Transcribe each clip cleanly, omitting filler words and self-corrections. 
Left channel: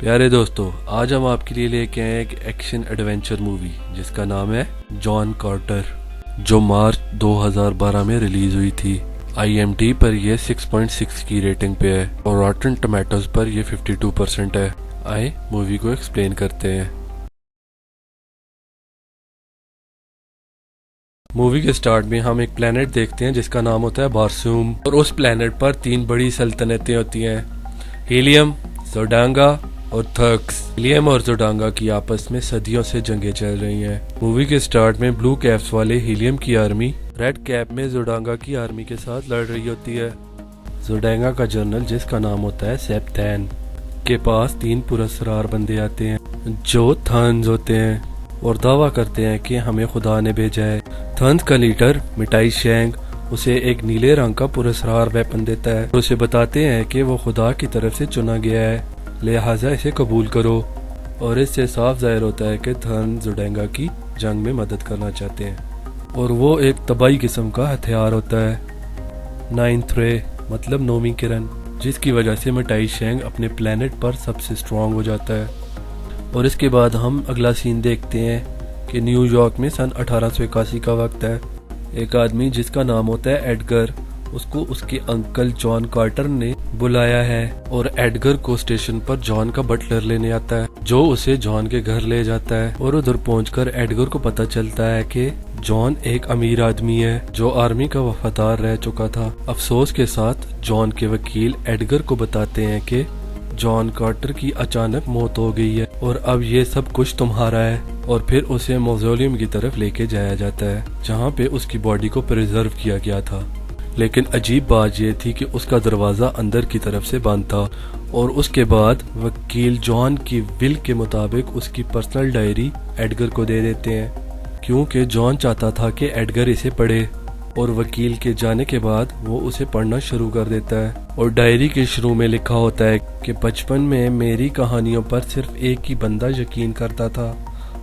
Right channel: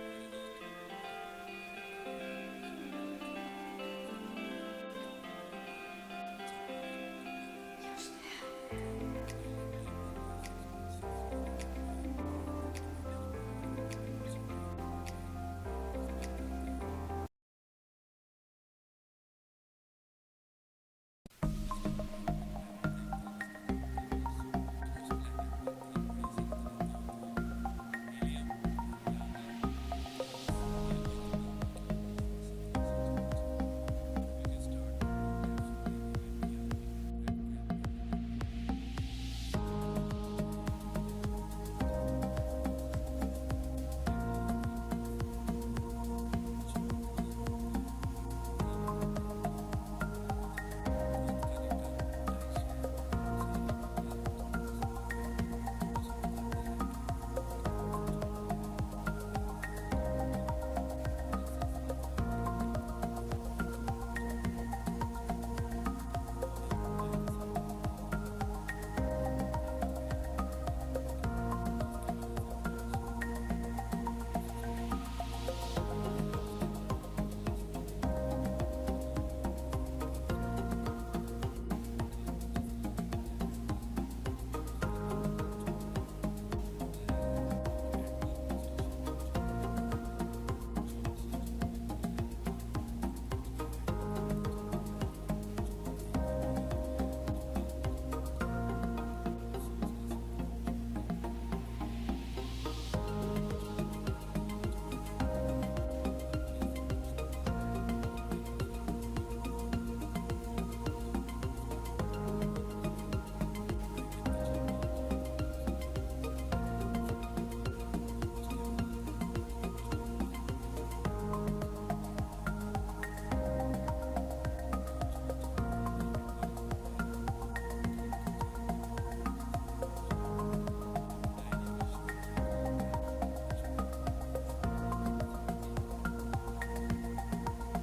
پیارے دوستو، آج ہم آپ کے لیے لے کے آئے ایک ایکشن ایڈونچر مووی جس کا نام ہے جان کارٹر، جو مارچ 2012 میں ریلیز ہوئی تھی۔ IMDb پر یہ 6.6 کی ریٹنگ پہ ہے اور راٹن ٹمیٹوز پر یہ 52% ہے۔ آئے مووی کو ایکسپلین کرتے ہیں۔ مووی کے سٹارٹ میں ہم ایک پلینٹ دیکھتے ہیں جس کا نام ہوتا ہے بارسوم، اور اس پلینٹ پر 3 بڑی سلطنتیں ہوتی ہیں: ہیلیم، زوڈانگا اور تھرکس۔ ہیلیم اور زوڈانگا کی آپس میں صدیوں سے جنگیں چل رہی ہیں۔ مووی کے سٹارٹ میں بلو کیپس والے ہیلیم کی آرمی ریڈ کیپ میں زوڈانگا کی آرمی کے ساتھ لڑ رہی ہوتی ہے۔ زوڈانگا کا جنرل، جس کا نام ہوتا ہے سیپتین، کے پاس 3 پراسرار بندے آتے ہیں جو تھرنز ہوتے ہیں اور دعویٰ کرتے ہیں کہ ہمیں خدا نے بھیجا ہے۔ تھرنز کا لیڈر مٹائی شینگ اسے ایک نیلے رنگ کا پراسرار ویپن دیتا ہے اور اسے بتاتے ہیں کہ وہ خدا کی طرف سے چنا گیا ہے، لہٰذا اسے قبول کرو، اور اس سے صاف ظاہر ہوتا ہے کہ تھرنز زوڈانگا کی جنگ میں مدد کرنا چاہتے ہیں، اور وہ ایک طبائی قسم کا ہتھیار ہوتا ہے، 9th رے مطلب 9ویں کرن، جس کی وجہ سے مٹائی شینگ اپنے پلینٹ پر سب سے سٹرونگ ہو جاتا ہے۔ اور اس کے بعد ہم اگلا سین دیکھتے ہیں کہ نیو یارک میں سن 1881 کا وقت ہے۔ ایک آدمی جس کا نام ہوتا ہے ایڈگر، اس کو اس کے انکل جان کارٹر نے بلایا ہے، اور ایڈگر کو اسٹیشن پر جان کا بٹلر لینے آتا ہے جو اسے جان کے گھر لے جاتا ہے، اور ادھر پہنچ کر ایڈگر کو پتہ چلتا ہے کہ جان ایک امیر آدمی ہے جو آرمی کا وفادار رہ چکا تھا۔ افسوس کے ساتھ جان کے وکیل ایڈگر کو بتاتے ہیں کہ جان کارٹر کی اچانک موت ہو گئی ہے اور اب یہ سب کچھ تمہارا ہے، اور پھر اسے موزولیم کی طرف لے کے جایا جاتا ہے جہاں پہ اس کی باڈی کو پریزرو کیا گیا تھا۔ لیکن عجیب بات یہ تھی کہ اس کا دروازہ اندر کی طرف سے بند تھا، اور اس کے بعد وکیل جان کی ول کے مطابق اس کی پرسنل ڈائری ایڈگر کو دے دیتے ہیں، کیونکہ جان چاہتا تھا کہ ایڈگر اسے پڑھے، اور وکیل کے جانے کے بعد وہ اسے پڑھنا شروع کر دیتا ہے، اور ڈائری کے شروع میں لکھا ہوتا ہے کہ بچپن میں میری کہانیوں پر صرف ایک ہی بندہ یقین کرتا تھا،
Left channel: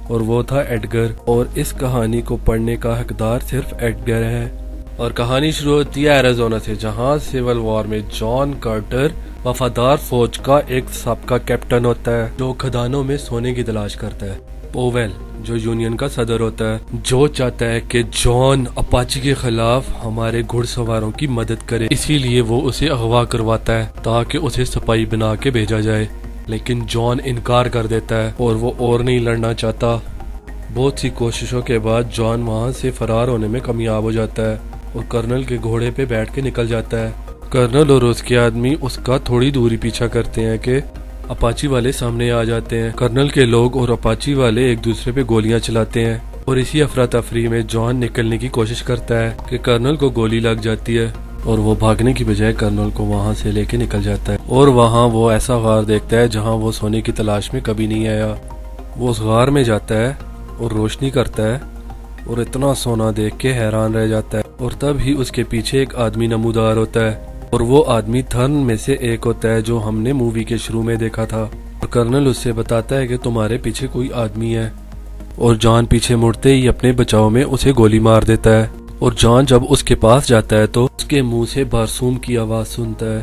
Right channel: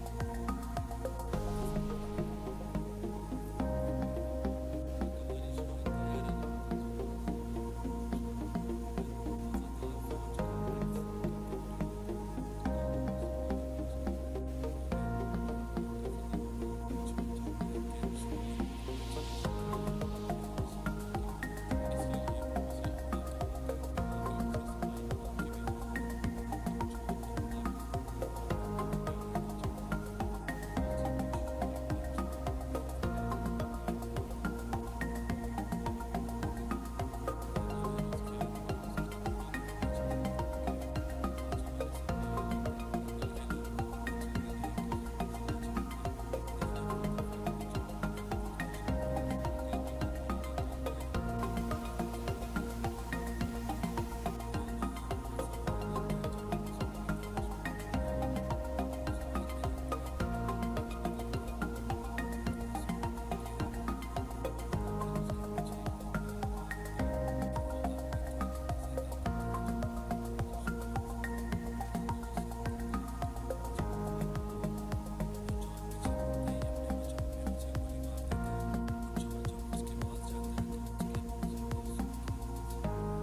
اور وہ تھا ایڈگر، اور اس کہانی کو پڑھنے کا حقدار صرف ایڈگر ہے۔ اور کہانی شروع ہوتی ہے ایریزونا سے، جہاں سول وار میں جان کارٹر وفادار فوج کا ایک سابقہ کیپٹن ہوتا ہے جو کھدانوں میں سونے کی تلاش کرتا ہے۔ پوویل جو یونین کا صدر ہوتا ہے، جو چاہتا ہے کہ جان اپاچی کے خلاف ہمارے گھڑ سواروں کی مدد کرے، اسی لیے وہ اسے اغوا کرواتا ہے تاکہ اسے سپاہی بنا کے بھیجا جائے، لیکن جان انکار کر دیتا ہے اور وہ اور نہیں لڑنا چاہتا۔ بہت سی کوششوں کے بعد جان وہاں سے فرار ہونے میں کامیاب ہو جاتا ہے اور کرنل کے گھوڑے پہ بیٹھ کے نکل جاتا ہے۔ کرنل اور اس کے آدمی اس کا تھوڑی دوری پیچھا کرتے ہیں کہ اپاچی والے سامنے آ جاتے ہیں۔ کرنل کے لوگ اور اپاچی والے ایک دوسرے پہ گولیاں چلاتے ہیں، اور اسی افراتفری میں جان نکلنے کی کوشش کرتا ہے کہ کرنل کو گولی لگ جاتی ہے، اور وہ بھاگنے کی بجائے کرنل کو وہاں سے لے کے نکل جاتا ہے، اور وہاں وہ ایسا غار دیکھتا ہے جہاں وہ سونے کی تلاش میں کبھی نہیں آیا۔ وہ اس غار میں جاتا ہے اور روشنی کرتا ہے اور اتنا سونا دیکھ کے حیران رہ جاتا ہے، اور تب ہی اس کے پیچھے ایک آدمی نمودار ہوتا ہے، اور وہ آدمی تھرن میں سے ایک ہوتا ہے جو ہم نے مووی کے شروع میں دیکھا تھا، اور کرنل اس سے بتاتا ہے کہ تمہارے پیچھے کوئی آدمی ہے، اور جان پیچھے مڑتے ہی اپنے بچاؤ میں اسے گولی مار دیتا ہے، اور جان جب اس کے پاس جاتا ہے تو اس کے منہ سے بارسوم کی آواز سنتا ہے،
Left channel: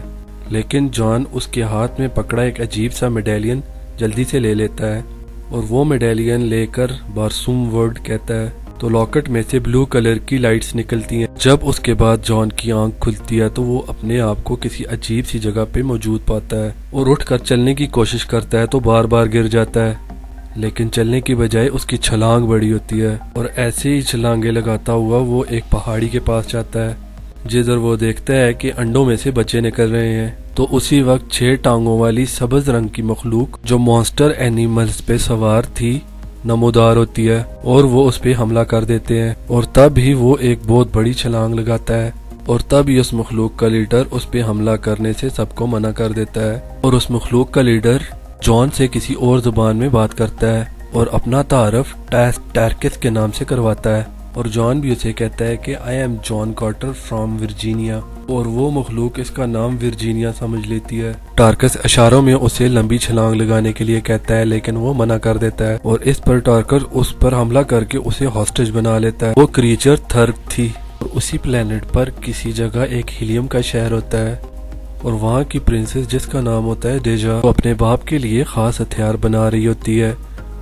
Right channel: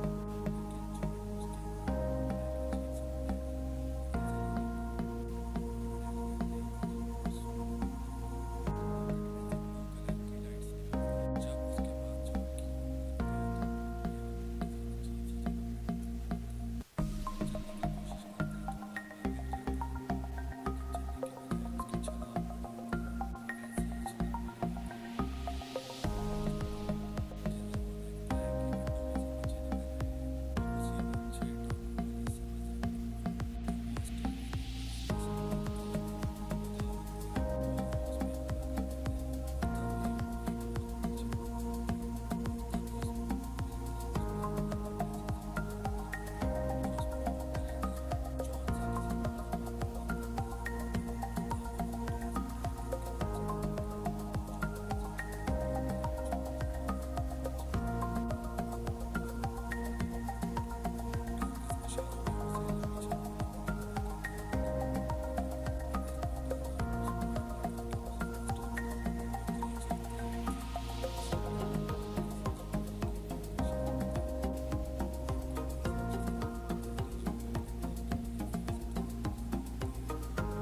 لیکن جان اس کے ہاتھ میں پکڑا ایک عجیب سا میڈیلین جلدی سے لے لیتا ہے، اور وہ میڈیلین لے کر بارسوم ورڈ کہتا ہے تو لاکٹ میں سے بلو کلر کی لائٹس نکلتی ہیں۔ جب اس کے بعد جان کی آنکھ کھلتی ہے تو وہ اپنے آپ کو کسی عجیب سی جگہ پہ موجود پاتا ہے، اور اٹھ کر چلنے کی کوشش کرتا ہے تو بار بار گر جاتا ہے، لیکن چلنے کی بجائے اس کی چھلانگ بڑی ہوتی ہے، اور ایسے ہی چھلانگیں لگاتا ہوا وہ ایک پہاڑی کے پاس جاتا ہے، جدھر وہ دیکھتا ہے کہ انڈوں میں سے بچے نکل رہے ہیں۔ تو اسی وقت 6 ٹانگوں والی سبز رنگ کی مخلوق جو مانسٹر اینیملز پہ سوار تھی نمودار ہوتی ہے، اور وہ اس پہ حملہ کر دیتے ہیں، اور تب ہی وہ ایک بہت بڑی چھلانگ لگاتا ہے، اور تب ہی اس مخلوق کا لیڈر اس پہ حملہ کرنے سے سب کو منع کر دیتا ہے، اور اس مخلوق کا لیڈر جان سے کسی اور زبان میں بات کرتا ہے اور اپنا تعارف ٹارکس کے نام سے کرواتا ہے، اور جان بھی اسے کہتا ہے کہ I am John Carter from Virginia, اور وہ مخلوق اس کا نام ورجینیا سمجھ لیتی ہے۔ ٹارکس اشاروں میں اسے لمبی چھلانگ لگانے کے لیے کہتا ہے، لیکن وہ منع کر دیتا ہے، اور اس پر ٹارکس اس پر حملہ کر کے اسے ہاسٹیج بنا لیتا ہے۔ وہ کریچر تھرک تھی، اور اسی پلینٹ پر کسی جگہ ایک ہیلیم کا شہر ہوتا ہے اور وہاں کی پرنسس جس کا نام ہوتا ہے ڈیجا وہ اپنے باپ کے لیے خاص ہتھیار بنا رہی ہوتی ہے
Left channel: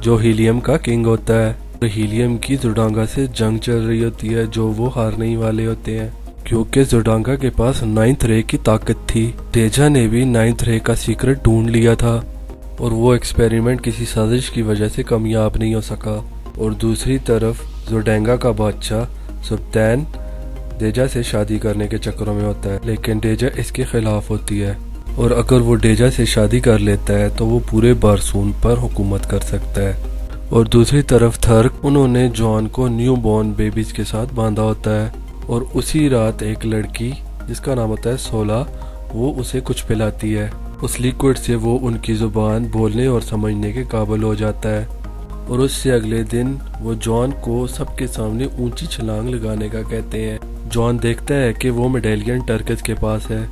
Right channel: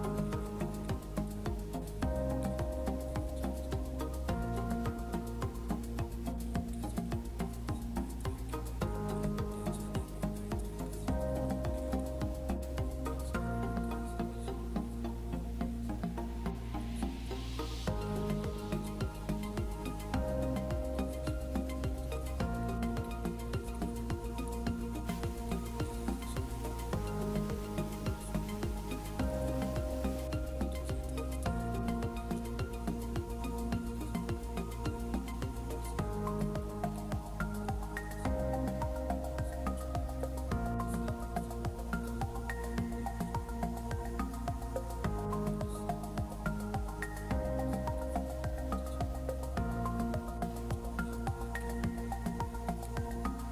جو ہیلیم کا کنگ ہوتا ہے، اور ہیلیم کی زوڈانگا سے جنگ چل رہی ہوتی ہے جو وہ ہارنے ہی والے ہوتے ہیں کیونکہ زوڈانگا کے پاس 9th رے کی طاقت تھی۔ ڈیجا نے بھی 9th رے کا سیکرٹ ڈھونڈ لیا تھا اور وہ ایکسپیریمنٹ کسی سازش کی وجہ سے کامیاب نہیں ہو سکا، اور دوسری طرف زوڈانگا کا بادشاہ سبتین ڈیجا سے شادی کرنے کے چکروں میں ہوتا ہے، لیکن ڈیجا اس کے خلاف ہوتی ہے، اور اگر وہ ڈیجا سے شادی کر لیتا ہے تو وہ پورے بارسون پر حکومت کر سکتا ہے۔ اور دوسری طرف تھرک انہوں نے جان کو نیو بورن بیبیز کے ساتھ باندھا ہوتا ہے، اور اسی رات ایک لڑکی جس کا نام ہوتا ہے سولا وہ اسے کچھ پلاتی ہے، اس لیکوڈ سے وہ ان کی زبان بولنے اور سمجھنے کے قابل ہو جاتا ہے، اور اس سے اگلے دن وہ جان کو سب کے سامنے اونچی چھلانگ لگانے کا کہتے ہیں۔ جان دیکھتا ہے کہ وہ میڈیلین ٹرکس کے پاس ہے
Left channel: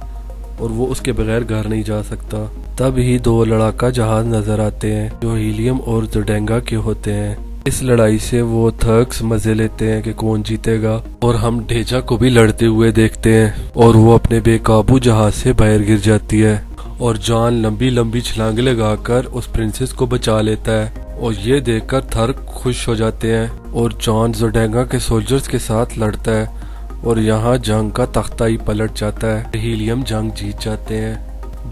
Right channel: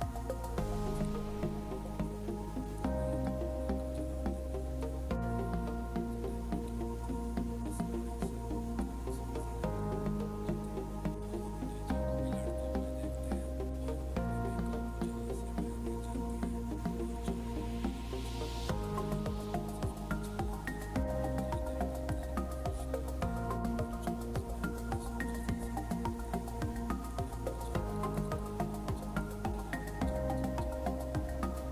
اور وہ اس کے بغیر گھر نہیں جا سکتا۔ تب ہی 2 لڑاکا جہاز نظر آتے ہیں جو ہیلیم اور زوڈانگا کے ہوتے ہیں۔ اس لڑائی سے وہ تھرکس مزے لیتے ہیں کہ کون جیتے گا، اور ہم ڈیجا کو بھی لڑتے ہوئے دیکھتے ہیں اور وہ اپنے بے قابو جہاز سے باہر گر جاتی ہے، اور جان لمبی لمبی چھلانگیں لگا کر اس پرنسس کو بچا لیتا ہے، اور یہ دیکھ کر تھرک خوش ہو جاتے ہیں، اور جان زوڈانگا کے سولجرز کے ساتھ لڑتا ہے، اور یہاں جنگ کا تختہ ہی پلٹ جاتا ہے، ہیلیم جنگ جیت جاتے ہیں۔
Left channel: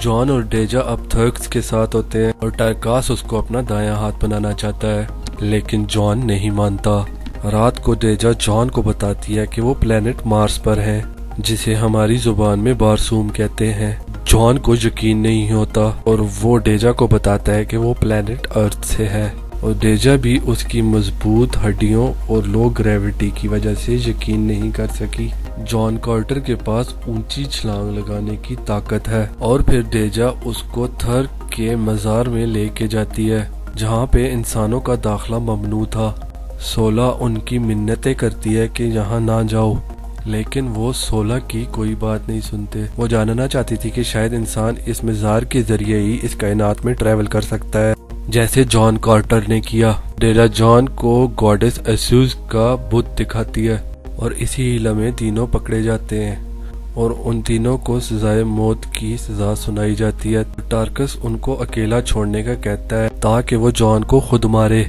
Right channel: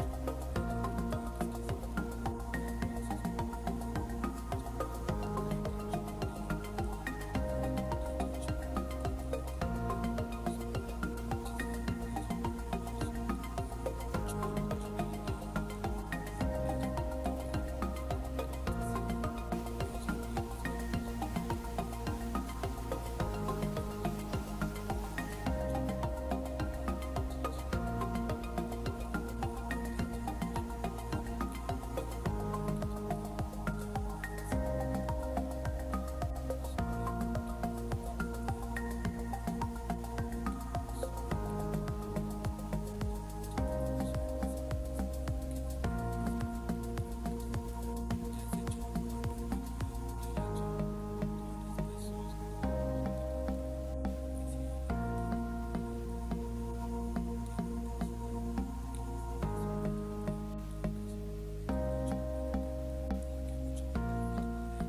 جان اور ڈیجا اب تھرکس کے ساتھ ہوتے ہیں اور ٹرکاس اس کو اپنا دایاں ہاتھ بنانا چاہتا ہے، لیکن جان نہیں مانتا۔ رات کو ڈیجا جان کو بتاتی ہے کہ وہ پلینٹ مارس پر ہے جسے ہماری زبان میں بارسوم کہتے ہیں۔ جان کو یقین نہیں ہوتا اور وہ ڈیجا کو بتاتا ہے کہ وہ پلینٹ ارتھ سے ہے، اور ڈیجا بھی اس کی مضبوط ہڈیوں اور لو گریوٹی کی وجہ سے یقین نہیں کر سکی۔ جان کارٹر کے پاس اونچی چھلانگ لگانے کی طاقت ہے، اور پھر ڈیجا اس کو تھرک کے مزار میں لے کے جاتی ہے جہاں پہ انسانوں کا داخلہ ممنوع تھا۔ سولا ان کی منتیں کرتی ہے کہ یہاں نہ جاؤ، لیکن وہ سولا کی کوئی بات نہیں سنتے۔ وہ جاننا چاہتی تھی کہ شاید انسان اس مزار کے ذریعے ہی اس کائنات میں ٹریول کر سکتا ہے جیسے جان کارٹر نے کیا۔ ڈیجا جان کو گاڈس ایسوس کا بت دکھاتی ہے، اور اسی ہیلا میں تینوں پکڑے جاتے ہیں اور ان تینوں کو سزائے موت کی سزا سنائی جاتی ہے۔ ٹارکس ان کو اکیلا چھوڑنے کا کہتا ہے تاکہ وہ جان کو خود مارے،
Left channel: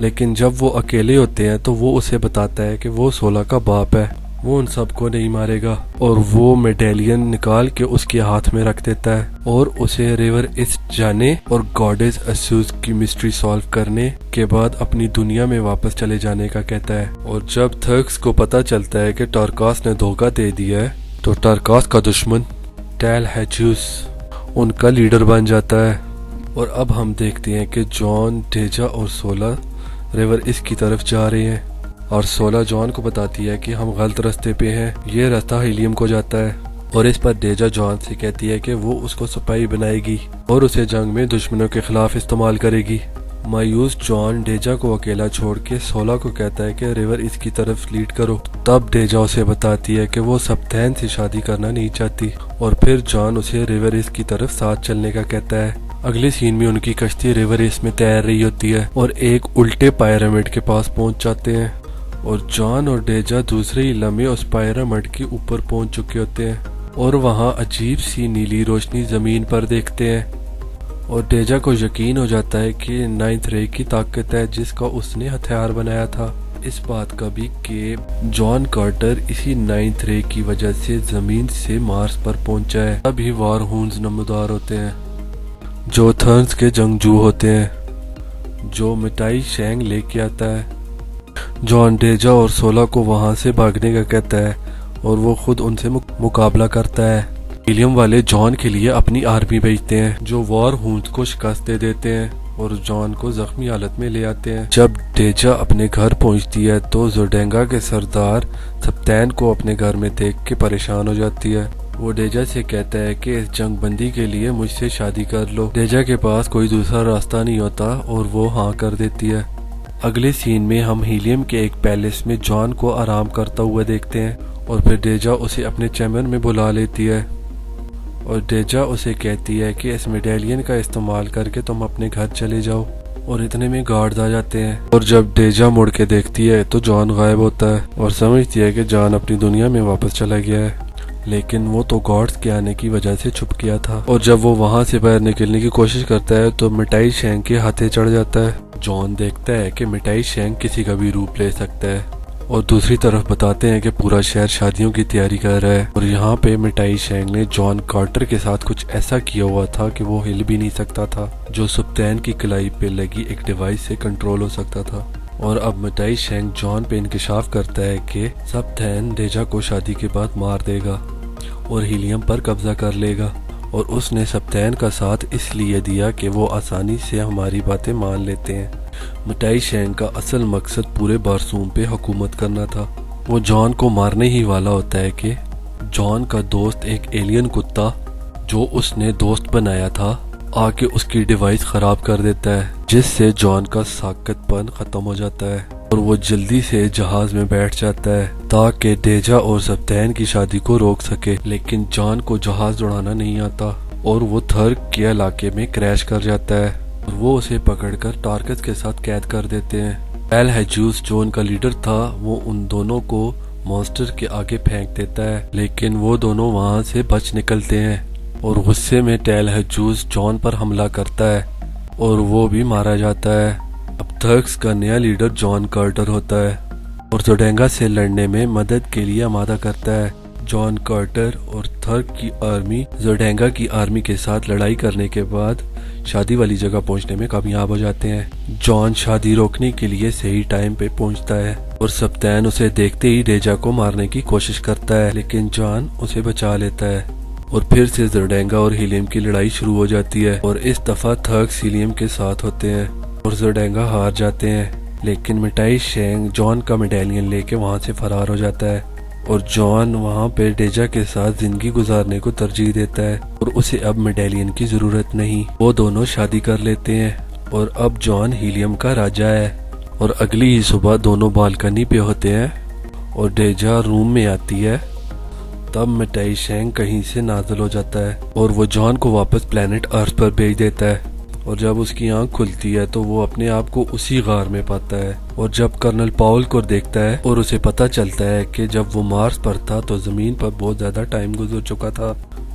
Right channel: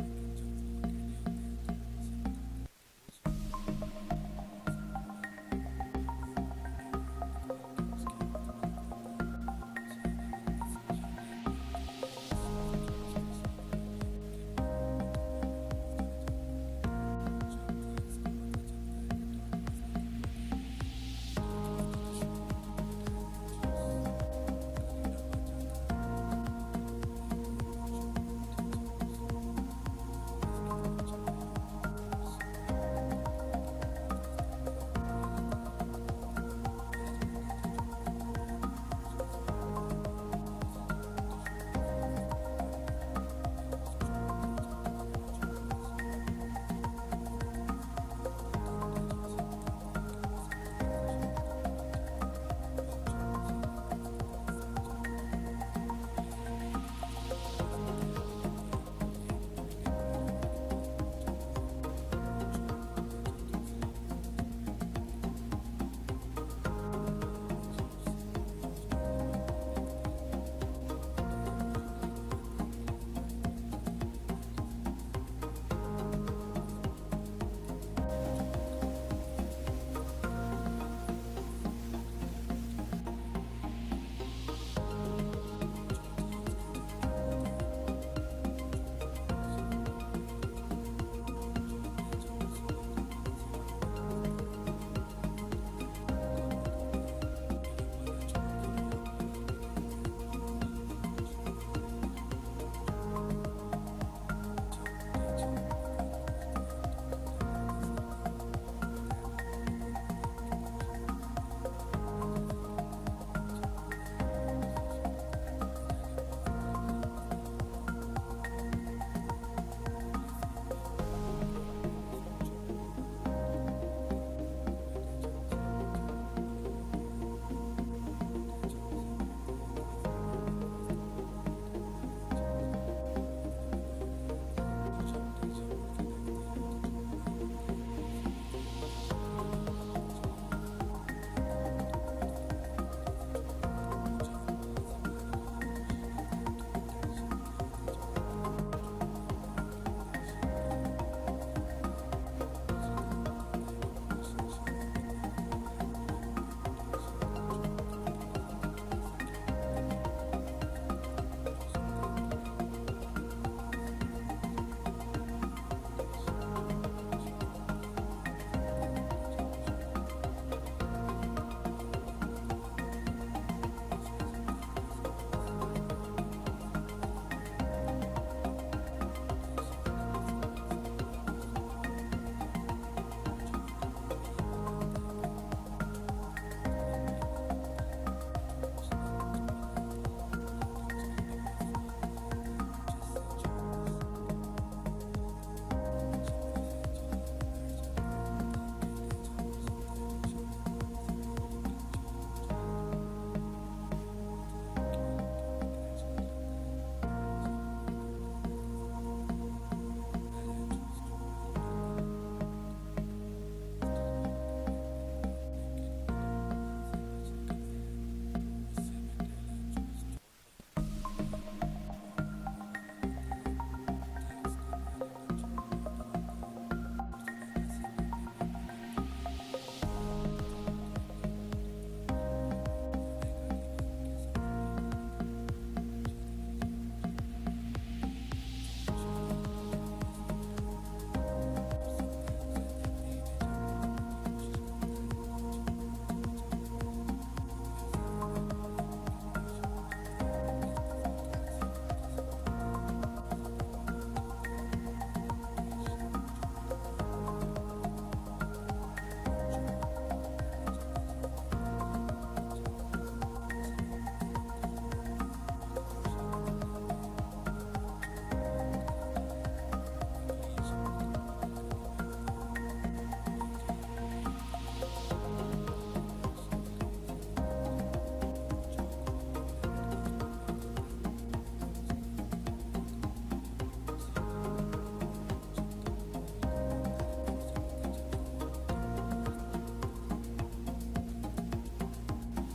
لیکن جب وہ اکیلے ہوتے ہیں تو وہ اسے بتاتا ہے کہ وہ سولا کا باپ ہے، وہ ان سب کو نہیں مارے گا، اور وہ میڈیلین نکال کے اس کے ہاتھ میں رکھ دیتا ہے اور اسے ریور ایسٹ جانے اور گاڈس ایسوس کی مسٹری سالو کرنے کے بعد اپنی دنیا میں واپس چلے جانے کا کہتا ہے۔ اور جب تھرکس کو پتہ چلتا ہے کہ ٹارکاس نے دھوکہ دے دیا ہے تو ٹارکاس کا دشمن ٹیل ہیچوس ان کا لیڈر بن جاتا ہے، اور اب ہم دیکھتے ہیں کہ جان، ڈیجا اور سولا ریور ایسٹ کی طرف جا رہے ہیں، اور سولا جان کو بتاتی ہے کہ ہم غلط راستے پہ ہیں، یہ راستہ ہیلیم کو جاتا ہے، اور اس پر ڈیجا جان سے کہتی ہے کہ وہ اس کو سپاہی بنائے گی اور اسے جنگ میں دشمنوں کے خلاف استعمال کرے گی۔ مایوس جان ڈیجا کو اکیلا چھوڑ کے سولا کو کہتا ہے کہ ریور اس کی طرف لیڈ کرو۔ تب ڈیجا اسے بتاتی ہے کہ وہ سبتین سے شادی کرنا نہیں چاہتی، اور پھر جان اسے ریور اس کی طرف ساتھ چلنے کا کہتا ہے۔ اگلے سین میں ان کی کشتی ریور اس میں تیر رہی ہوتی ہے اور ایک الٹے پیرامڈ کے پاس پہنچ جاتے ہیں، اور جان اور ڈیجا دوسرے ہی لمحے اس پیرامڈ کے اوپر پہنچ چکے ہوتے ہیں، اور وہاں عجیب سی نیلی روشنی زمین پر دیکھتے ہیں، اور ڈیجا کو یقین ہو جاتا ہے کہ 9th رے کی طاقت ہے جس کا اس نے ہتھیار بنایا تھا۔ اس بات کا بھی کہ جان کارٹر اسی 9th رے کی وجہ سے زمین سے مارس پر پہنچا ہے۔ ابھی وار ہونز نمودار ہوتے ہیں جو تھرنز کے جنگجو ہوتے ہیں، جو مٹائی شینگ لے کے آتا ہے۔ جان ڈیجا اور سولا کو وہاں سے بھاگنے کا کہتا ہے اور وہ خود ان سے مقابلہ کرتا ہے۔ ہیلیم والے جان کے لیے اپنی آرمی بھیجتے ہیں جو وار ہونز کو شکست دے دیتے ہیں اور جان کو زخمی حالت میں لے آتے ہیں۔ جب ڈیجا اپنے گھر پہنچتی ہے تو زوڈانگا کے سردار سبتین کو اپنے گھر میں دیکھ کے پریشان ہو جاتی ہے۔ وہ ڈیجا سے کہتا ہے کہ اس جنگ بندی کے لیے مجھ سے شادی کر لو۔ ڈیجا کے پاس کوئی دوسرا راستہ نہیں ہوتا اور وہ ہاں کر دیتی ہے۔ اگلے سین میں ہم ہیلیم کے ایک پیلس میں جان کو آرام کرتا ہوا دیکھتے ہیں، اور پھر ڈیجا اسے اپنے چیمبر میں بلا لیتی ہے، اور ڈیجا اسے کہتی ہے کہ اس میڈیلین کا استعمال کر کے تم اپنے گھر چلے جاؤ، اور اتنے میں گارڈز آ جاتے ہیں، اور جب ڈیجا مڑ کے دیکھتی ہے تو جان غائب ہوتا ہے اور سمجھتی ہے کہ جان اپنی دنیا میں واپس چلا گیا ہے، لیکن وہ تو گارڈز کے آنے کی وجہ سے چھپ گیا تھا، اور جب وہ وہاں سے باہر نکلنے کی کوشش کرتا ہے تو مٹائی شینگ کے ہاتھے چڑھ جاتا ہے۔ جان دیکھتا ہے کہ مٹائی شینگ کسی کا بھی روپ لے سکتا ہے، اور دوسری طرف بتاتے ہیں کہ پورا شہر شادیوں کی تیاری کر رہا ہے، اور یہاں پہ مٹائی شینگ نے جان کارٹر کے ساتھ کچھ ایسا کیا ہوا تھا کہ وہ ہل بھی نہیں سکتا تھا، جو سپتین کی کلائی پہ لگی ایک ڈیوائس سے کنٹرول ہو سکتا تھا۔ اور اب مٹائی شینگ جان پہ انکشاف کرتا ہے کہ سپتین ڈیجا کو شادی کے بعد مار دے گا اور ہیلیم پر قبضہ کر لے گا، اور اس نے سپتین کا ساتھ اس لیے دیا کہ وہ آسانی سے ہماری باتیں مان لیتے ہیں۔ مٹائی شینگ کا اصل مقصد پورے بارسوم پہ حکومت کرنا تھا۔ وہ جان کو مارنے ہی والا ہوتا ہے کہ جان کا دوست ایک ایلین کتا جو اس نے دوست بنایا تھا آ کے اس کی ڈیوائس خراب کر دیتا ہے، جس سے جان کا ساکت پن ختم ہو جاتا ہے، اور وہ جلدی سے جہاز میں بیٹھ جاتا ہے تاکہ ڈیجا اور سپتین کی شادی کو روک سکے۔ لیکن جان کو جہاز اڑانا نہیں آتا اور وہ تھرک کے علاقے میں کریش کر جاتا ہے، اور وہ اسے پکڑ کر ٹارکس کے ساتھ قید کر دیتے ہیں۔ ٹیل ہیجوس جو ان کا لیڈر تھا وہ ان دونوں کو مانسٹر کے آگے پھینک دیتا ہے، لیکن وہ دونوں وہاں سے بچ نکلتے ہیں، اور غصے میں ٹیل ہیجوس جان پر حملہ کرتا ہے اور وہ بھی مارا جاتا ہے۔ اب تھرکس کا نیا لیڈر جان کارٹر ہوتا ہے اور زوڈینگا سے لڑنے میں مدد کے لیے آمادہ کرتا ہے۔ جان کارٹر اور تھرک کی آرمی زوڈینگا کی آرمی کے ساتھ لڑائی کرنے کے بعد شادی والی جگہ پہنچنے میں کامیاب ہو جاتے ہیں۔ جان شادی روکنے کے لیے صحیح ٹائم پہ پہنچتا ہے اور سپتین اسے دیکھتے ہی ڈیجا کو مارنے کی کوشش کرتا ہے، لیکن جان اسے بچا لیتا ہے، اور پھر سے زوڈینگا اور ہیلیم کی لڑائی شروع ہو جاتی ہے، اور اس دفعہ تھرکس ہیلیم کے ساتھ ہوتے ہیں اور زوڈینگا ہار جاتے ہیں، لیکن مٹائی شینگ جان کا میڈیلین لے کے وہاں سے فرار ہو جاتا ہے، اور جان وہاں پہ ڈیجا کے ساتھ زندگی گزارنے کو ترجیح دیتا ہے، اور اسے اب میڈیلین کی ضرورت نہیں۔ وہ دونوں شادی کر لیتے ہیں اور اب جان ہیلیم کا راجہ ہے، اور اگلی ہی صبح دونوں بالکنی پہ ہوتے ہیں اور ڈیجا روم میں آتی ہے۔ تب مٹائی شینگ کہیں سے نازل ہو جاتا ہے اور وہ جان کو واپس پلانٹ ارتھ پر بھیج دیتا ہے، اور جب اس کی آنکھ کھلتی ہے تو وہ اپنے آپ کو اسی غار میں پاتا ہے، اور جب کرنل پاول کو دیکھتا ہے اور اسے پتہ چلتا ہے کہ جب وہ مارس پر تھا تو زمین پر بہت زیادہ ٹائم گزر چکا تھا۔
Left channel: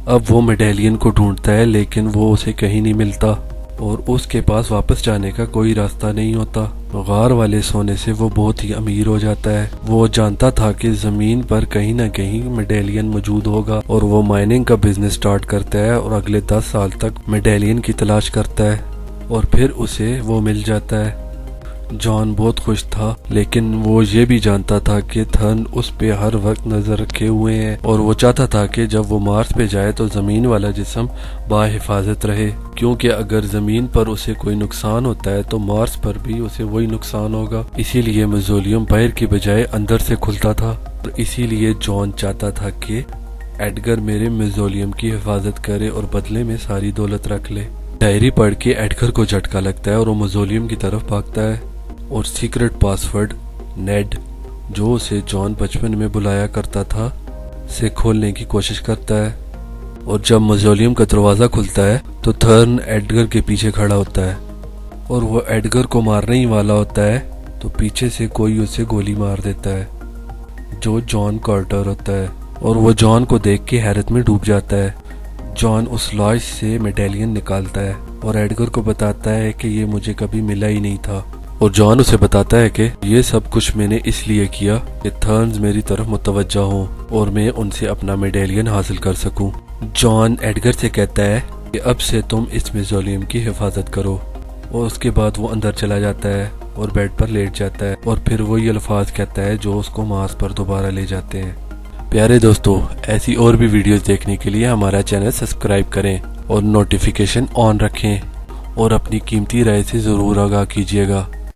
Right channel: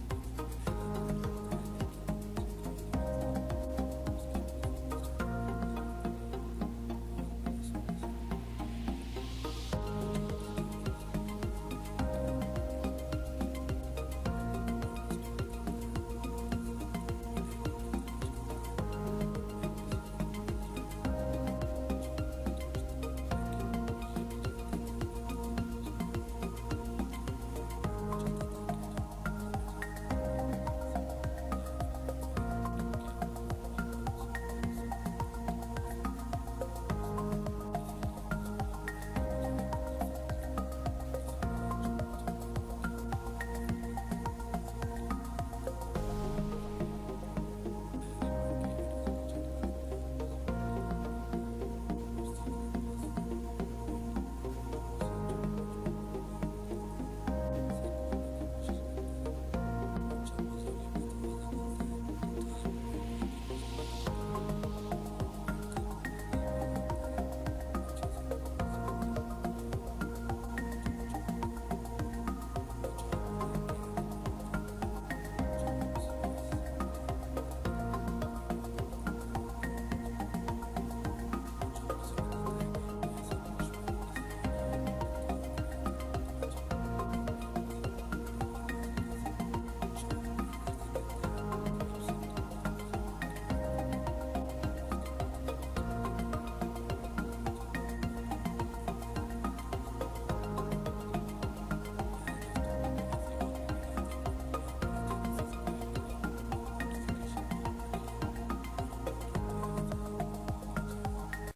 اب وہ میڈیلین کو ڈھونڈتا ہے لیکن وہ اسے کہیں نہیں ملتا، اور اس کے پاس واپس جانے کا کوئی راستہ نہیں ہوتا۔ غار والے سونے سے وہ بہت ہی امیر ہو جاتا ہے۔ وہ جانتا تھا کہ زمین پر کہیں نہ کہیں میڈیلین موجود ہوگا، اور وہ مائننگ کا بزنس سٹارٹ کرتا ہے اور اگلے 10 سال تک میڈیلین کی تلاش کرتا ہے، اور پھر اسے وہ مل جاتا ہے۔ جان بہت خوش تھا، لیکن وہ یہ بھی جانتا تھا کہ تھرن اس پہ ہر وقت نظر رکھے ہوئے ہیں، اور وہ چاہتا تھا کہ جب وہ مارس پہ جائے تو زمین والا جسم باحفاظت رہے، کیونکہ اگر زمین پر اسے کوئی نقصان ہوتا ہے تو مارس پر بھی اسے وہی نقصان ہوگا۔ اسی لیے موزولیم باہر کی بجائے اندر سے کھلتا تھا، اور اسی لیے جان چاہتا تھا کہ ایڈگر میرے موزولیم کی حفاظت کرے اور بدلے میں ساری دولت رکھ لے۔ ڈائری پڑھ کے ایڈگر کو جھٹکا لگتا ہے اور وہ موزولیم کی طرف بھاگتا ہے، اور سیکرٹ پاسورڈ نیڈ جو اسے جان بچپن میں بلایا کرتا تھا سے کھولنے کی کوشش کرتا ہے، اور جب موزولیم کا دروازہ کھلتا ہے تو تھرن ایڈگر کے پیچھے کھڑا ہوتا ہے، اور وہ ایڈگر کو مارنے ہی والا ہوتا ہے تو پیچھے سے کوئی اسے گولی مار دیتا ہے جو جان کارٹر ہوتا ہے، اور وہ جان کو دیکھ کے حیرت میں ڈوب جاتا ہے۔ جان اس لاش سے میڈیلین نکالتا ہے اور ایڈگر کو بتاتا ہے کہ یہ مجھے کبھی ملا ہی نہیں تھا، اور جان اسے بتاتا ہے کہ یہ سب کچھ میں نے اس لیے کیا کہ تھرنز میری طرف متوجہ ہوں اور میں ان سے اپنا میڈیلین حاصل کر سکوں۔ جان ایڈگر سے کہتا ہے کہ اب سے تم اس موزولیم کی حفاظت کرو، اور اس کے بعد وہ اندر چلا جاتا ہے اور بیڈ پر لیٹ جاتا ہے، اور پھر وہی الفاظ کہتا ہے جو اس کو مارس پر دوبارہ لے جاتے ہیں۔ پیارے دوستو، ایسی اور بھی ویڈیوز دیکھنے کے لیے ہمارا چینل سبسکرائب کریں اور نوٹیفیکیشن آن رکھیں، اور اپنی قیمتی رائے سے ضرور آگاہ کیجیے گا۔